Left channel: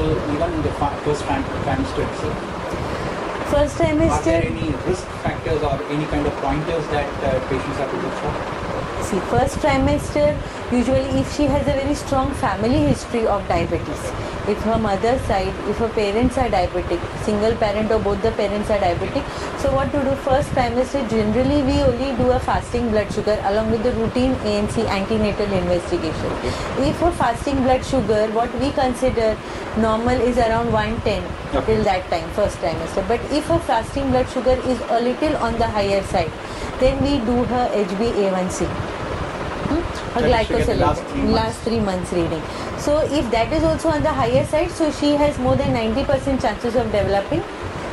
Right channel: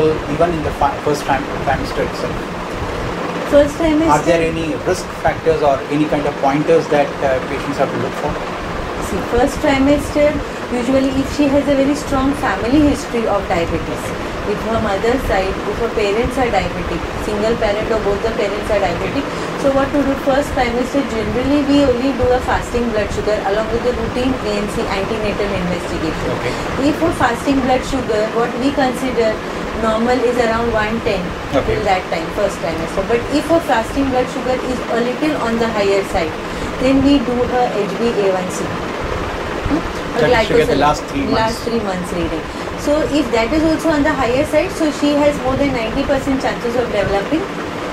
possible even in the first trimester itself? First trimester. Are there any risk factors or any kind of pointers that patients have to look for? See, first trimester, usually if she has a very strong family history of diabetes, if her mother's side, if her parents are diabetic, single parent or both the parents are diabetic, so what to do first trimester, generally we only do a fasting blood sugar along with the routine ANC antenatal investigation. If her fasting blood sugar, what we consider normal is around 110 till that time, first trimester. But if her fasting blood sugar is a little on the higher side, then we do her HbA1c. Her glycosylation, last 3 months reading. So if that is also on the higher side, so she has more than 90% chances of developing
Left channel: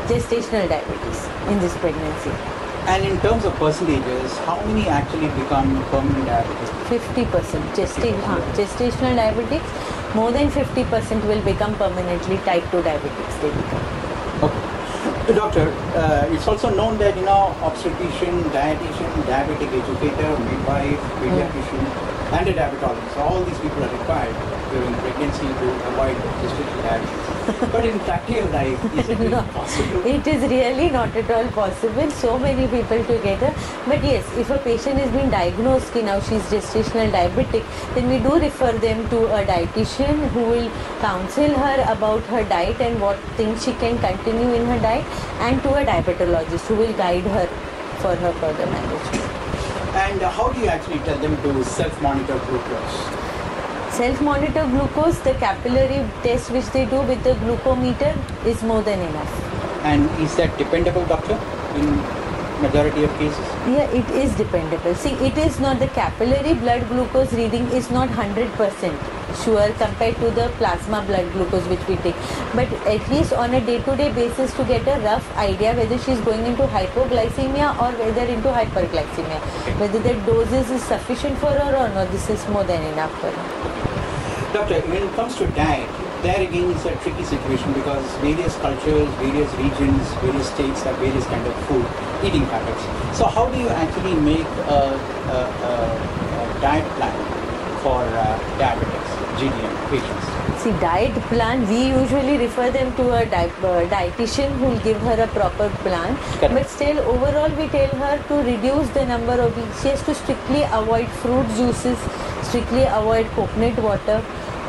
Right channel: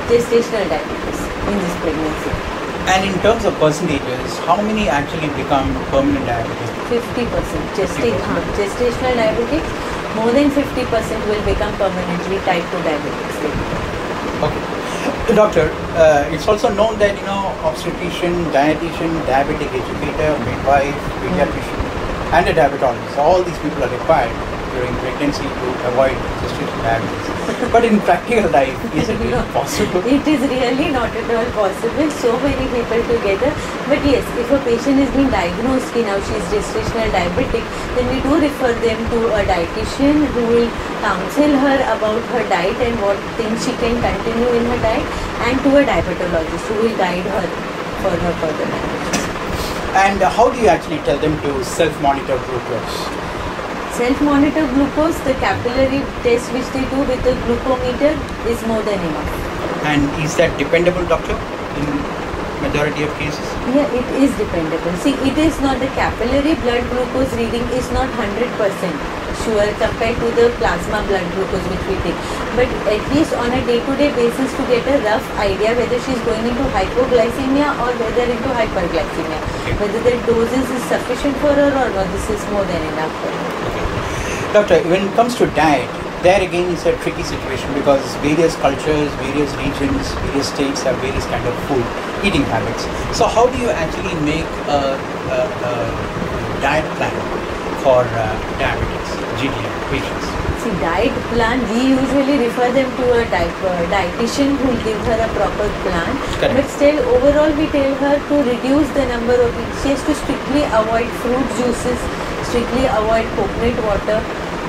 gestational diabetes in this pregnancy. And in terms of percentages, how many actually become permanent diabetics? 50%. Gestational diabetics, more than 50% will become permanently type 2 diabetics. They become. Okay. Doctor, it's also known that obstetrician, dietitian, diabetic educator, midwife, pediatrician, and a diabetologist, all these people are required during pregnancy to avoid gestational diabetes. But in practical life, is it really possible? It is really not at all possible. So many people together. But yes, if a patient has been diagnosed, now she is gestational diabetic, then we do refer them to a dietitian who will counsel her about her diet and what things she can continue in her diet, and to a diabetologist who will guide her for her further management. And how do you actually tell them to self-monitor glucose? Self-monitor glucose, the capillary test which they do with the glucometer is more than enough. And is that dependable, doctor, in majority of cases? Yeah, it is dependable. See, it is not, the capillary blood glucose reading is not 100% sure compared to the plasma blood glucose which we take. But at least on a day-to-day basis to get a rough idea whether she is going into hypoglycemia or whether into hyperglycemia. Whether the doses is sufficient for her or not, this is more than enough for her. Doctor, when it comes to diet, there again is a tricky situation because various cultures, various regions, various states have various kind of food eating habits. So how do you actually make a diet plan for diabetics, GDM patients? See, diet plan, we usually refer them to a dietitian who will give her a proper plan. Correct. But still, overall, we tell her to reduce the number of, she has to strictly avoid fruit juices, strictly avoid coconut water,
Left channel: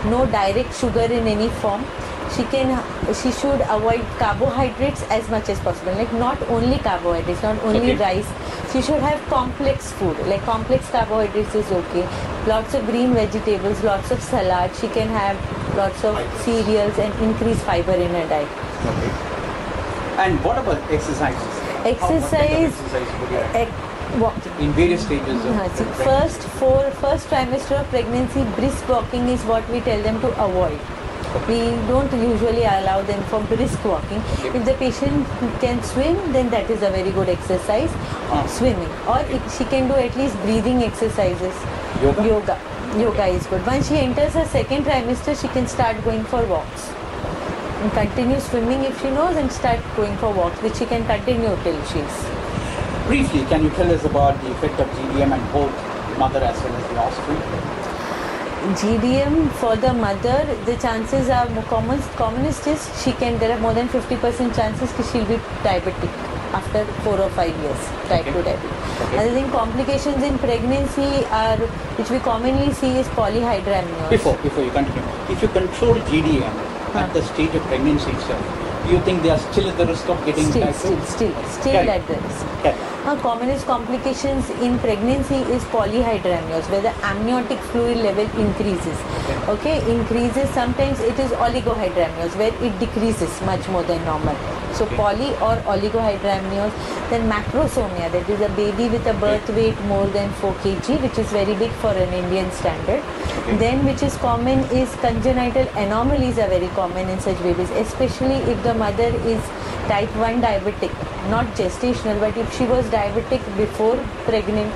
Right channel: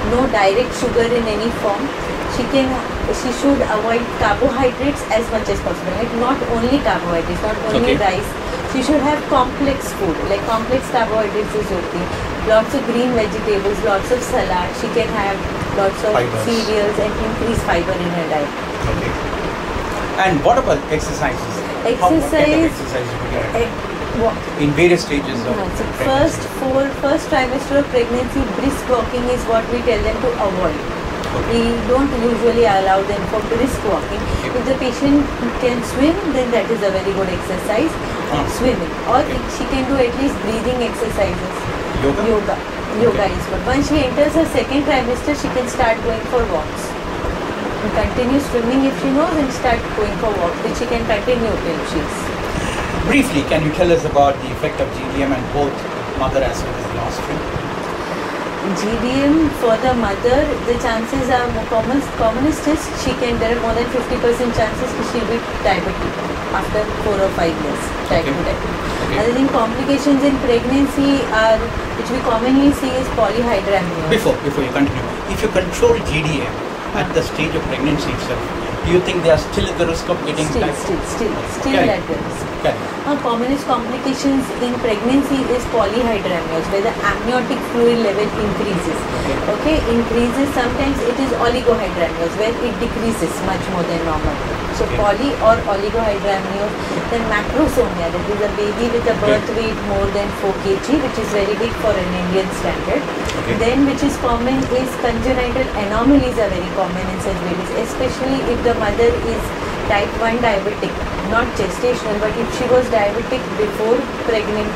no direct sugar in any form. She should avoid carbohydrates as much as possible. Like not only carbohydrates, not only rice. She should have complex food. Like complex carbohydrates is okay. Lots of green vegetables, lots of salad. She can have lots of cereals and increase fiber in her diet. Okay. And what about exercises? Exercise. What? In various stages of first trimester of pregnancy, brisk walking is what we tell them to avoid. We don't usually allow them for brisk walking. If the patient can swim, then that is a very good exercise, swimming. Or she can do at least breathing exercises, yoga is good. Once she enters her second trimester, she can start going for walks. And continue swimming if she knows, and start going for walks, which she can continue till she's. Briefly, can you tell us about the effect of GDM and both mother as well as the offspring? GDM for the mother, the chances are commonest is there are more than 50% chances that she'll be diabetic after 4 or 5 years, type 2 diabetes. Other than complications in pregnancy which we commonly see is polyhydramnios. Before you continue, if you control GDM at the stage of pregnancy itself, do you think they are still at the risk of getting still at the risk? Commonest complications in pregnancy is polyhydramnios, where the amniotic fluid level increases. Increases. Sometimes it is oligohydramnios, where it decreases much more than normal. So poly or oligohydramnios. Then macrosomia, that is a baby with a birth weight more than 4 kg, which is very big for an Indian standard. Then which is common is congenital anomalies are very common in such babies, especially if the mother is type 1 diabetic, not gestational, but if she was diabetic before pregnant,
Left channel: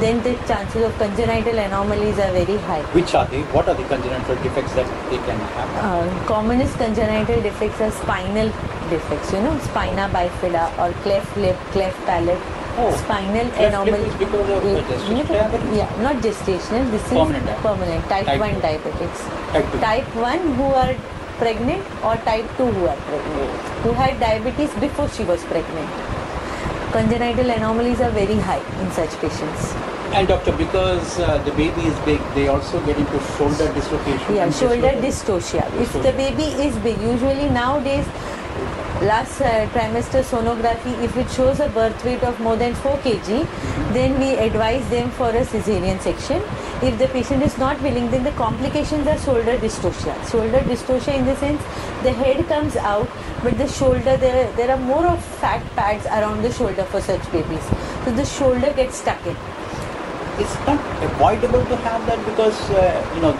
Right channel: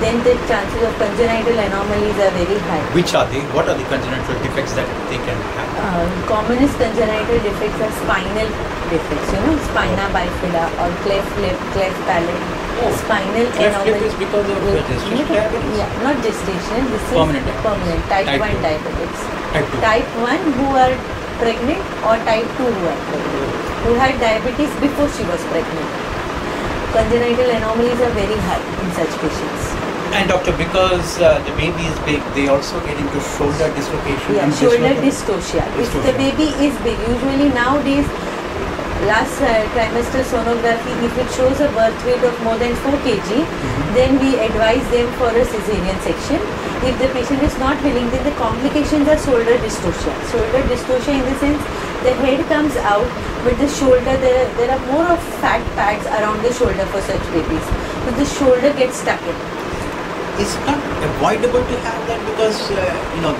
then the chances of congenital anomalies are very high. Which are they? What are the congenital defects that they can have? Commonest congenital defects are spinal defects, spina bifida or cleft lip, cleft palate. Spinal anomaly, not gestational, this is permanent, type 1 diabetics. Type 1 who are pregnant or type 2 who are pregnant, who had diabetes before she was pregnant. Congenital anomalies are very high in such patients. And doctor, because the baby is big, they also get into shoulder dislocation. Yeah, shoulder dystocia. If the baby is big, usually nowadays, last trimester sonography, if it shows a birth weight of more than 4 kg, then we advise them for a cesarean section. If the patient is not willing, then the complications are shoulder dystocia. Shoulder dystocia in the sense the head comes out, but the shoulder, there are more of fat pads around the shoulder for such babies. So the shoulder gets stuck in. Is it not avoidable to have that because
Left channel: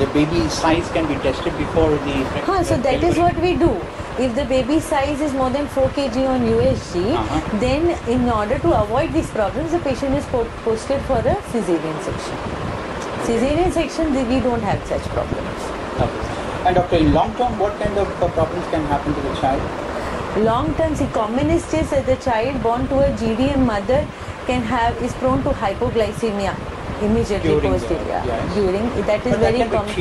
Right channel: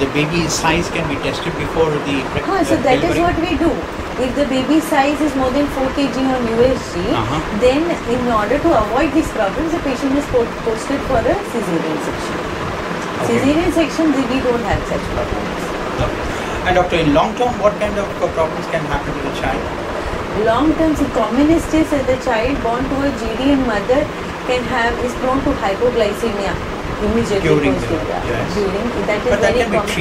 the baby's size can be tested before the So that is what we do. If the baby size is more than 4 kg on USG, then in order to avoid these problems, the patient is posted for a cesarean section. Cesarean section, we don't have such problems. Okay. And doctor, in long term, what kind of problems can happen to the child? Long term, commonest is that the child born to a GDM mother is prone to hypoglycemia immediately during that is very common.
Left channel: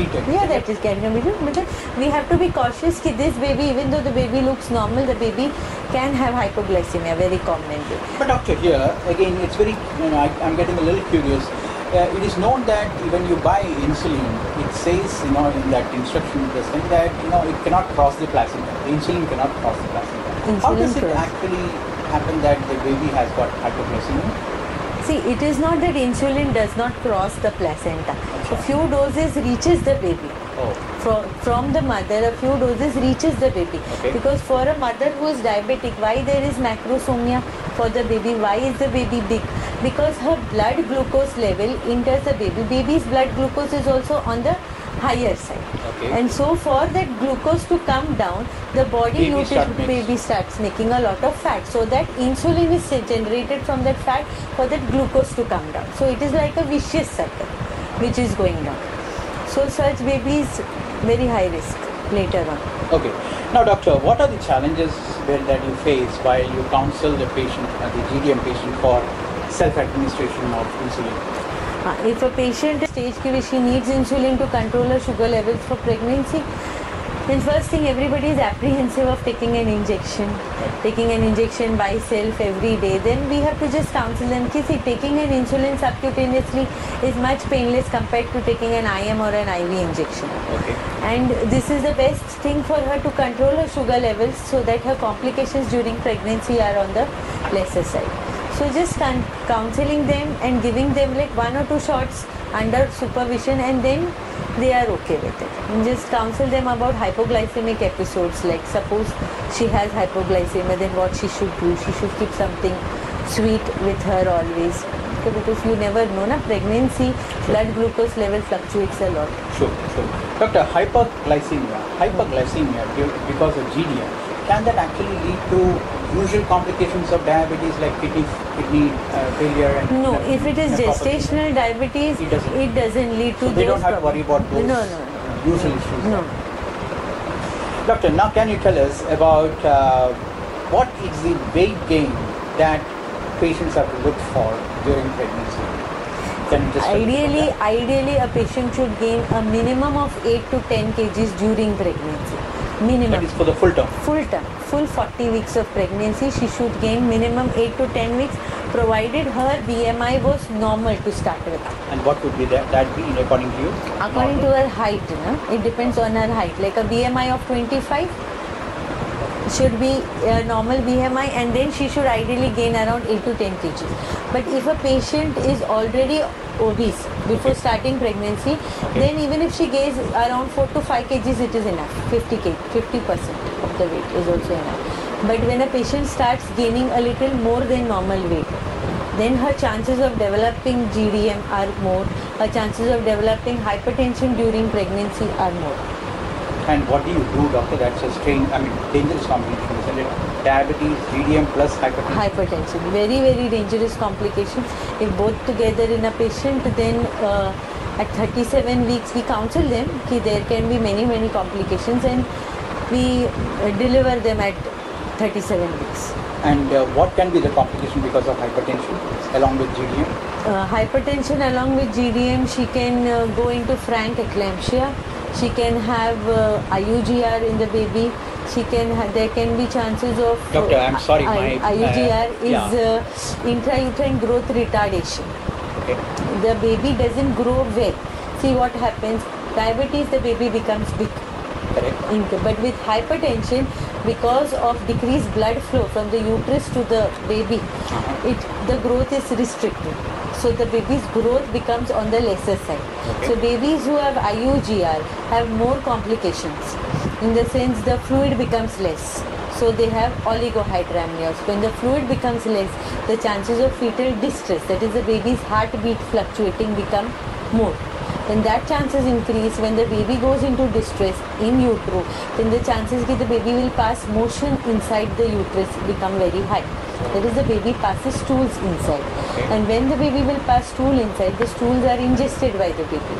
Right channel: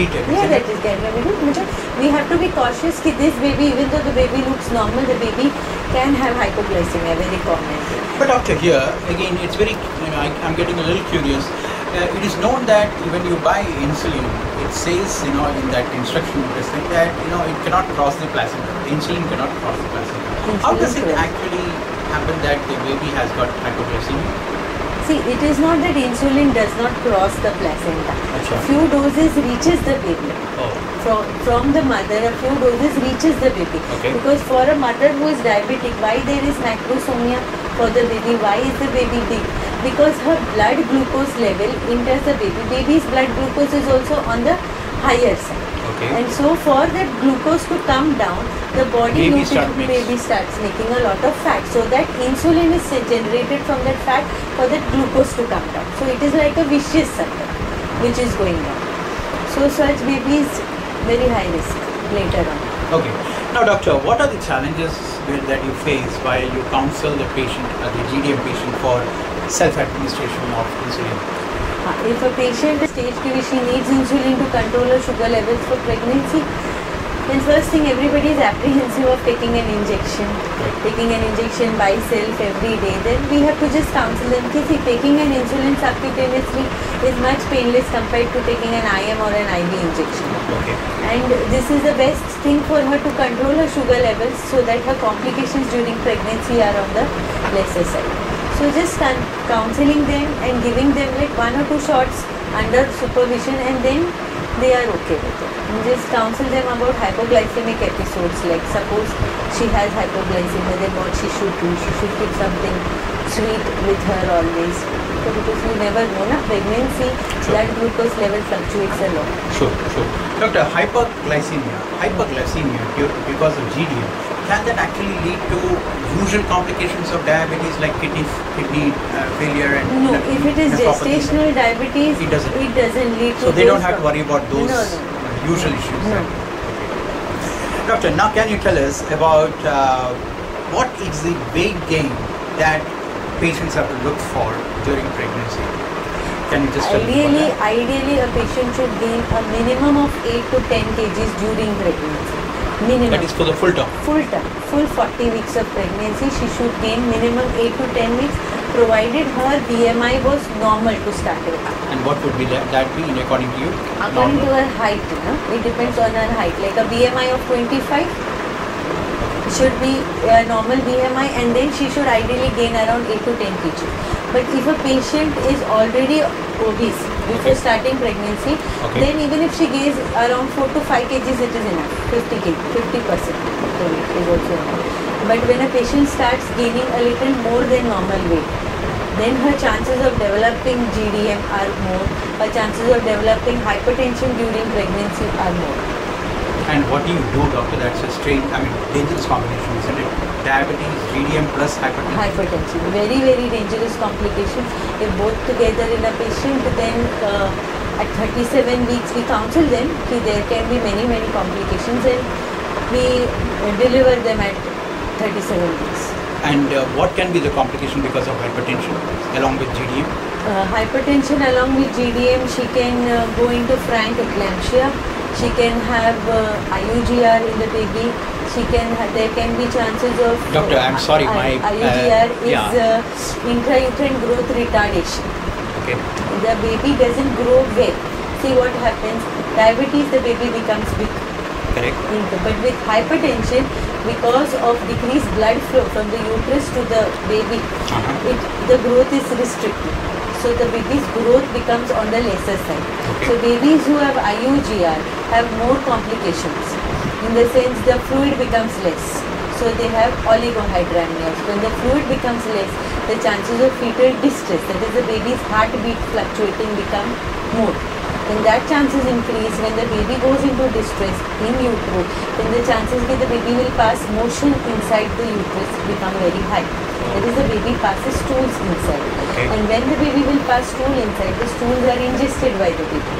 That is can be treated. We have to be cautious that this baby, even though the baby looks normal, the baby can have hypoglycemia very commonly. But doctor, here again, it's very I'm getting a little curious. It is known that when you buy insulin, it says in that instruction that it cannot cross the placenta. The insulin cannot cross the placenta. How does it actually happen that the baby has got hypoglycemia? See, it is not that insulin does not cross the placenta. A few doses reaches the baby. From the mother, a few doses reaches the baby. Because for a mother who is diabetic, why there is macrosomia for the baby? Why is the baby big? Because her blood glucose level enters the baby. Baby's blood glucose is also on the higher side. And so for that glucose to come down, the baby starts making a lot of fat. So that insulin is generated from that fat for that glucose to come down. So it is like a vicious cycle which is going down. So such babies very high risk later on. Okay. Now doctor, what are the challenges that you face while you counsel the patient, the GDM patient, for self-administration of insulin? If a patient is stage she needs insulin to control her sugar levels for pregnancy, then first thing, everybody is apprehensive of taking an injection by self every day. Then we have to just counsel them, see, taking an insulin subcutaneously is much painless compared to taking an IM or an IV injection. And this is the best thing for her to control her sugar levels so that her complications during pregnancy are on the lesser side. So just counseling them and giving them like 1 or 2 shots under supervision, and then they are okay with it. And just counsel them about hypoglycemic episodes, like suppose she has hypoglycemia, then what she should do. She should keep something sweet with her always. So because you never know, pregnancy, blood glucose level fluctuates a lot. Sure. Doctor, hypoglycemia because of GDM, can that actually lead to usual complications of diabetes like kidney failure? No, if it is gestational diabetes, it doesn't lead to they those problems. They don't have to worry about those usual issues. No. Doctor, now can you tell us about what is the weight gain that patients have to look for during pregnancy? Ideally, a patient should gain a minimum of 8 to 10 kgs during pregnancy. Minimum. That is for the full term? Full term. Full 40 weeks of pregnancy, she should gain minimum 8 to 10 weeks, provided her BMI was normal to start with. And what would be that be according to you? According to her height, it depends on her height. Like a BMI of 25 should be a normal BMI, and then she should ideally gain around 8 to 10 kg. But if a patient is already obese before starting pregnancy, then even if she gains around 4 to 5 kgs, it is enough. 50% of the weight is also enough. But when a patient starts gaining a little more than normal weight, then her chances of developing GDM are more, her chances of developing hypertension during pregnancy are more. And what do you do, doctor? That's a dangerous combination, isn't it? Diabetes, GDM plus hypertension. Very, very dangerous complication. If both together in a patient, then at 37 weeks we counsel them that there can be many, many complications, and we deliver them at 37 weeks. And what can be the complication because of hypertension along with GDM? Hypertension along with GDM, she can go into frank eclampsia. She can have IUGR in the baby. There can be chances of Doctor, I'm sorry, IUGR is intrauterine growth retardation. Okay. The baby doesn't grow well. See what happens? Diabetes, the baby becomes big. Correct. But with hypertension, because of decreased blood flow from the uterus to the baby, the growth is restricted. So the baby's growth becomes on the lesser side. So babies who have IUGR have more complications. In the sense, the fluid becomes less. So they have oligohydramnios. When the fluid becomes less, the chances of fetal distress, that is the baby's heartbeat fluctuating, become more. When that chances increase, when the baby goes into distress in utero, then the chances that the baby will pass motion inside the uterus become very high. That is, the baby passes stools inside. And when the baby will pass stool inside, the stools are ingested by the baby.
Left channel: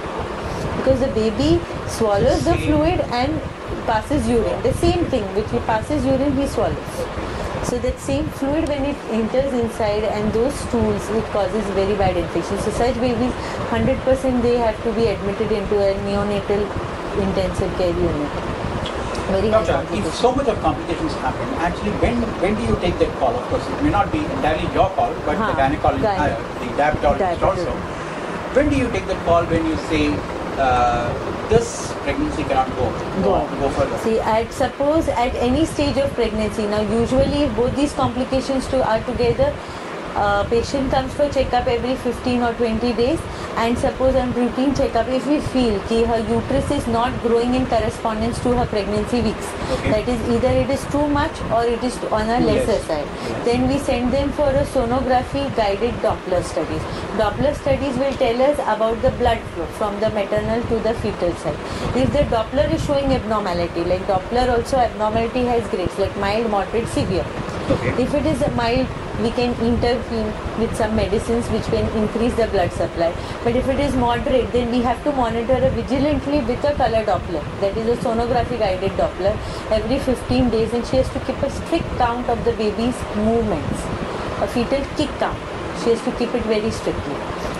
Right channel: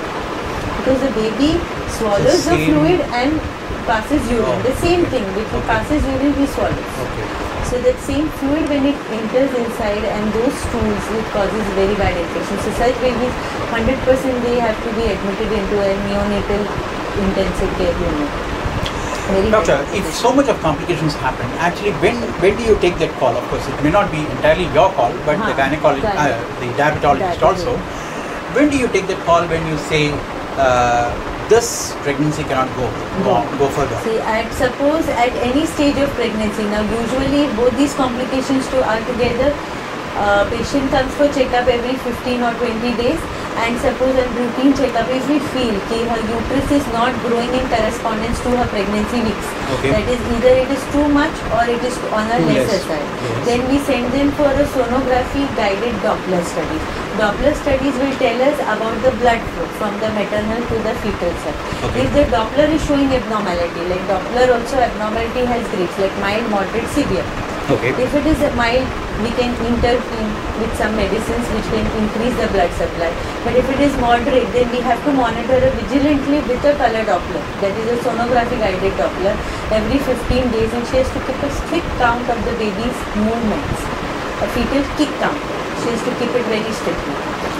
Because the baby swallows the fluid and passes urine. The same thing, which he passes urine, he swallows. So that same fluid, when it enters inside and those stools, it causes very bad infection. So such babies, 100% they have to be admitted into a neonatal intensive care unit. Very Doctor, if so much of complications happen, actually when do you take that call? Of course, it may not be entirely your call, but the gynecologist, the diabetologist also. When do you take that call when you say, this pregnancy cannot go further? See, suppose at any stage of pregnancy, now usually if both these complications are together, patient comes for checkup every 15 or 20 days, and suppose on routine checkup, if we feel that her uterus is not growing in correspondence to her pregnancy weeks, that is either it is too much or it is on a lesser side, then we send them for a sonography guided Doppler studies. Doppler studies will tell us about the blood flow from the maternal to the fetal side. If the Doppler is showing abnormality, like Doppler also abnormality has grades like mild, moderate, severe. If it is mild, we can intervene with some medicines which can increase the blood supply. But if it is moderate, then we have to monitor her vigilantly with a color Doppler, that is a sonography guided Doppler, every 15 days, and she has to keep a strict count of the baby's movements, a fetal kick count. She has to keep it very strictly.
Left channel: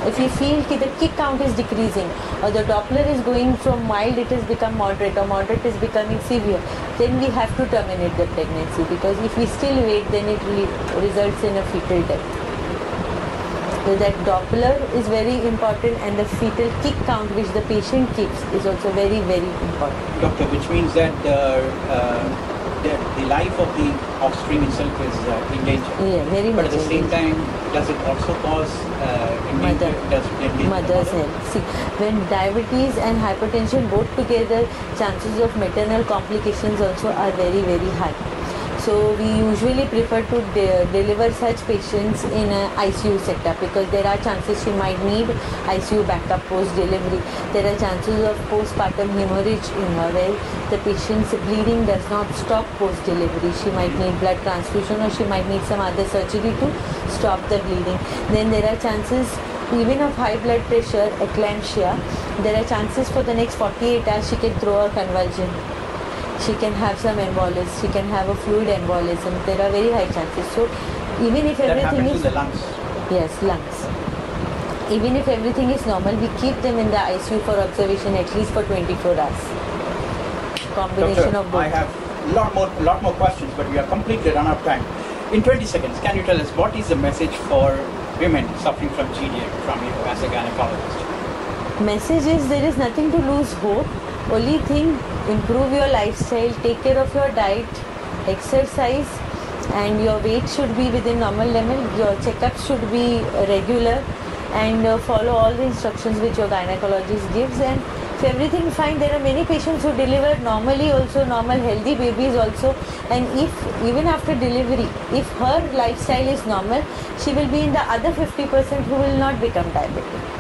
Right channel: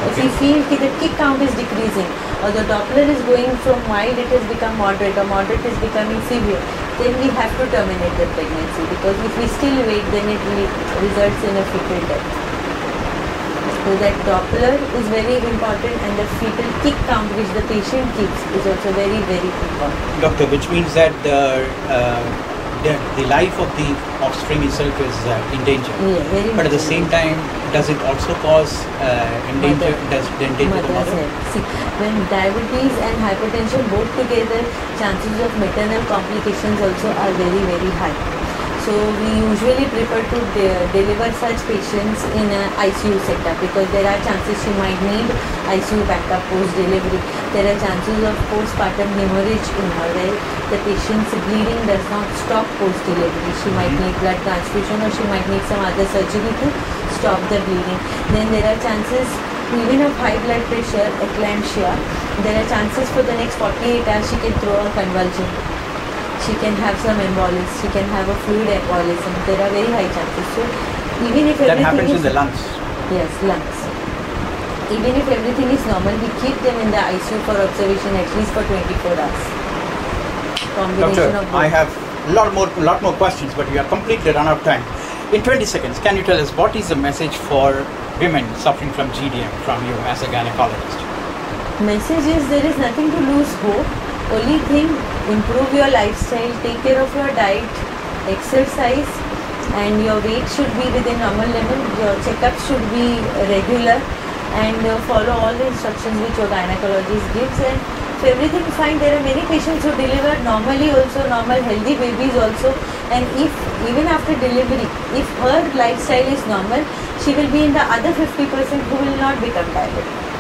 If we feel that the kick count is decreasing, or the Doppler is going from mild, it has become moderate, or moderate is becoming severe, then we have to terminate the pregnancy, because if we still wait, then it results in a fetal death. So that Doppler is very important, and the fetal kick count which the patient keeps is also very, very important. Doctor, which means that the life of the offspring itself is in danger. Yeah, very much. But at the same time, does it also cause mother's health? See, when diabetes and hypertension both together, chances of maternal complications also are very, very high. So we usually prefer to deliver such patients in an ICU setup, because there are chances she might need ICU backup post-delivery. There are chances of postpartum hemorrhage in her, where the patient's bleeding does not stop post-delivery. She might need blood transfusion, or she might need some other surgery to stop the bleeding. Then there are chances even of high blood pressure, eclampsia. There are chances for the next 48 hours she can throw a convulsion. She can have some embolus, she can have a fluid embolism. There are very high chances. So even if everything is in the lungs. Yes, lungs. Even if everything is normal, we keep them in the ICU for observation at least for 24 hours. Combination Doctor, of both. I have a lot more questions, but we are completely run out of time. In 20 seconds, can you tell us what is the message for women suffering from GDM from you as a gynecologist? Message is, there is nothing to lose hope. Only thing, improve your lifestyle, take care of your diet, exercise, and your weight should be within normal level. Your checkups should be regular, and follow all the instructions which your gynecologist gives. And if everything is fine, there are many patients who deliver normally also, normal healthy babies also. And if even after delivery, if her lifestyle is normal, she will be in the other 50% who will not become diabetic.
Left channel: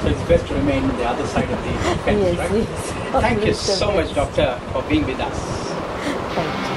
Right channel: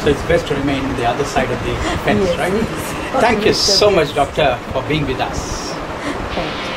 So it's best to remain on the other side of the fence, Yes, right? yes. Thank you so much, Doctor, for being with us. Thank you.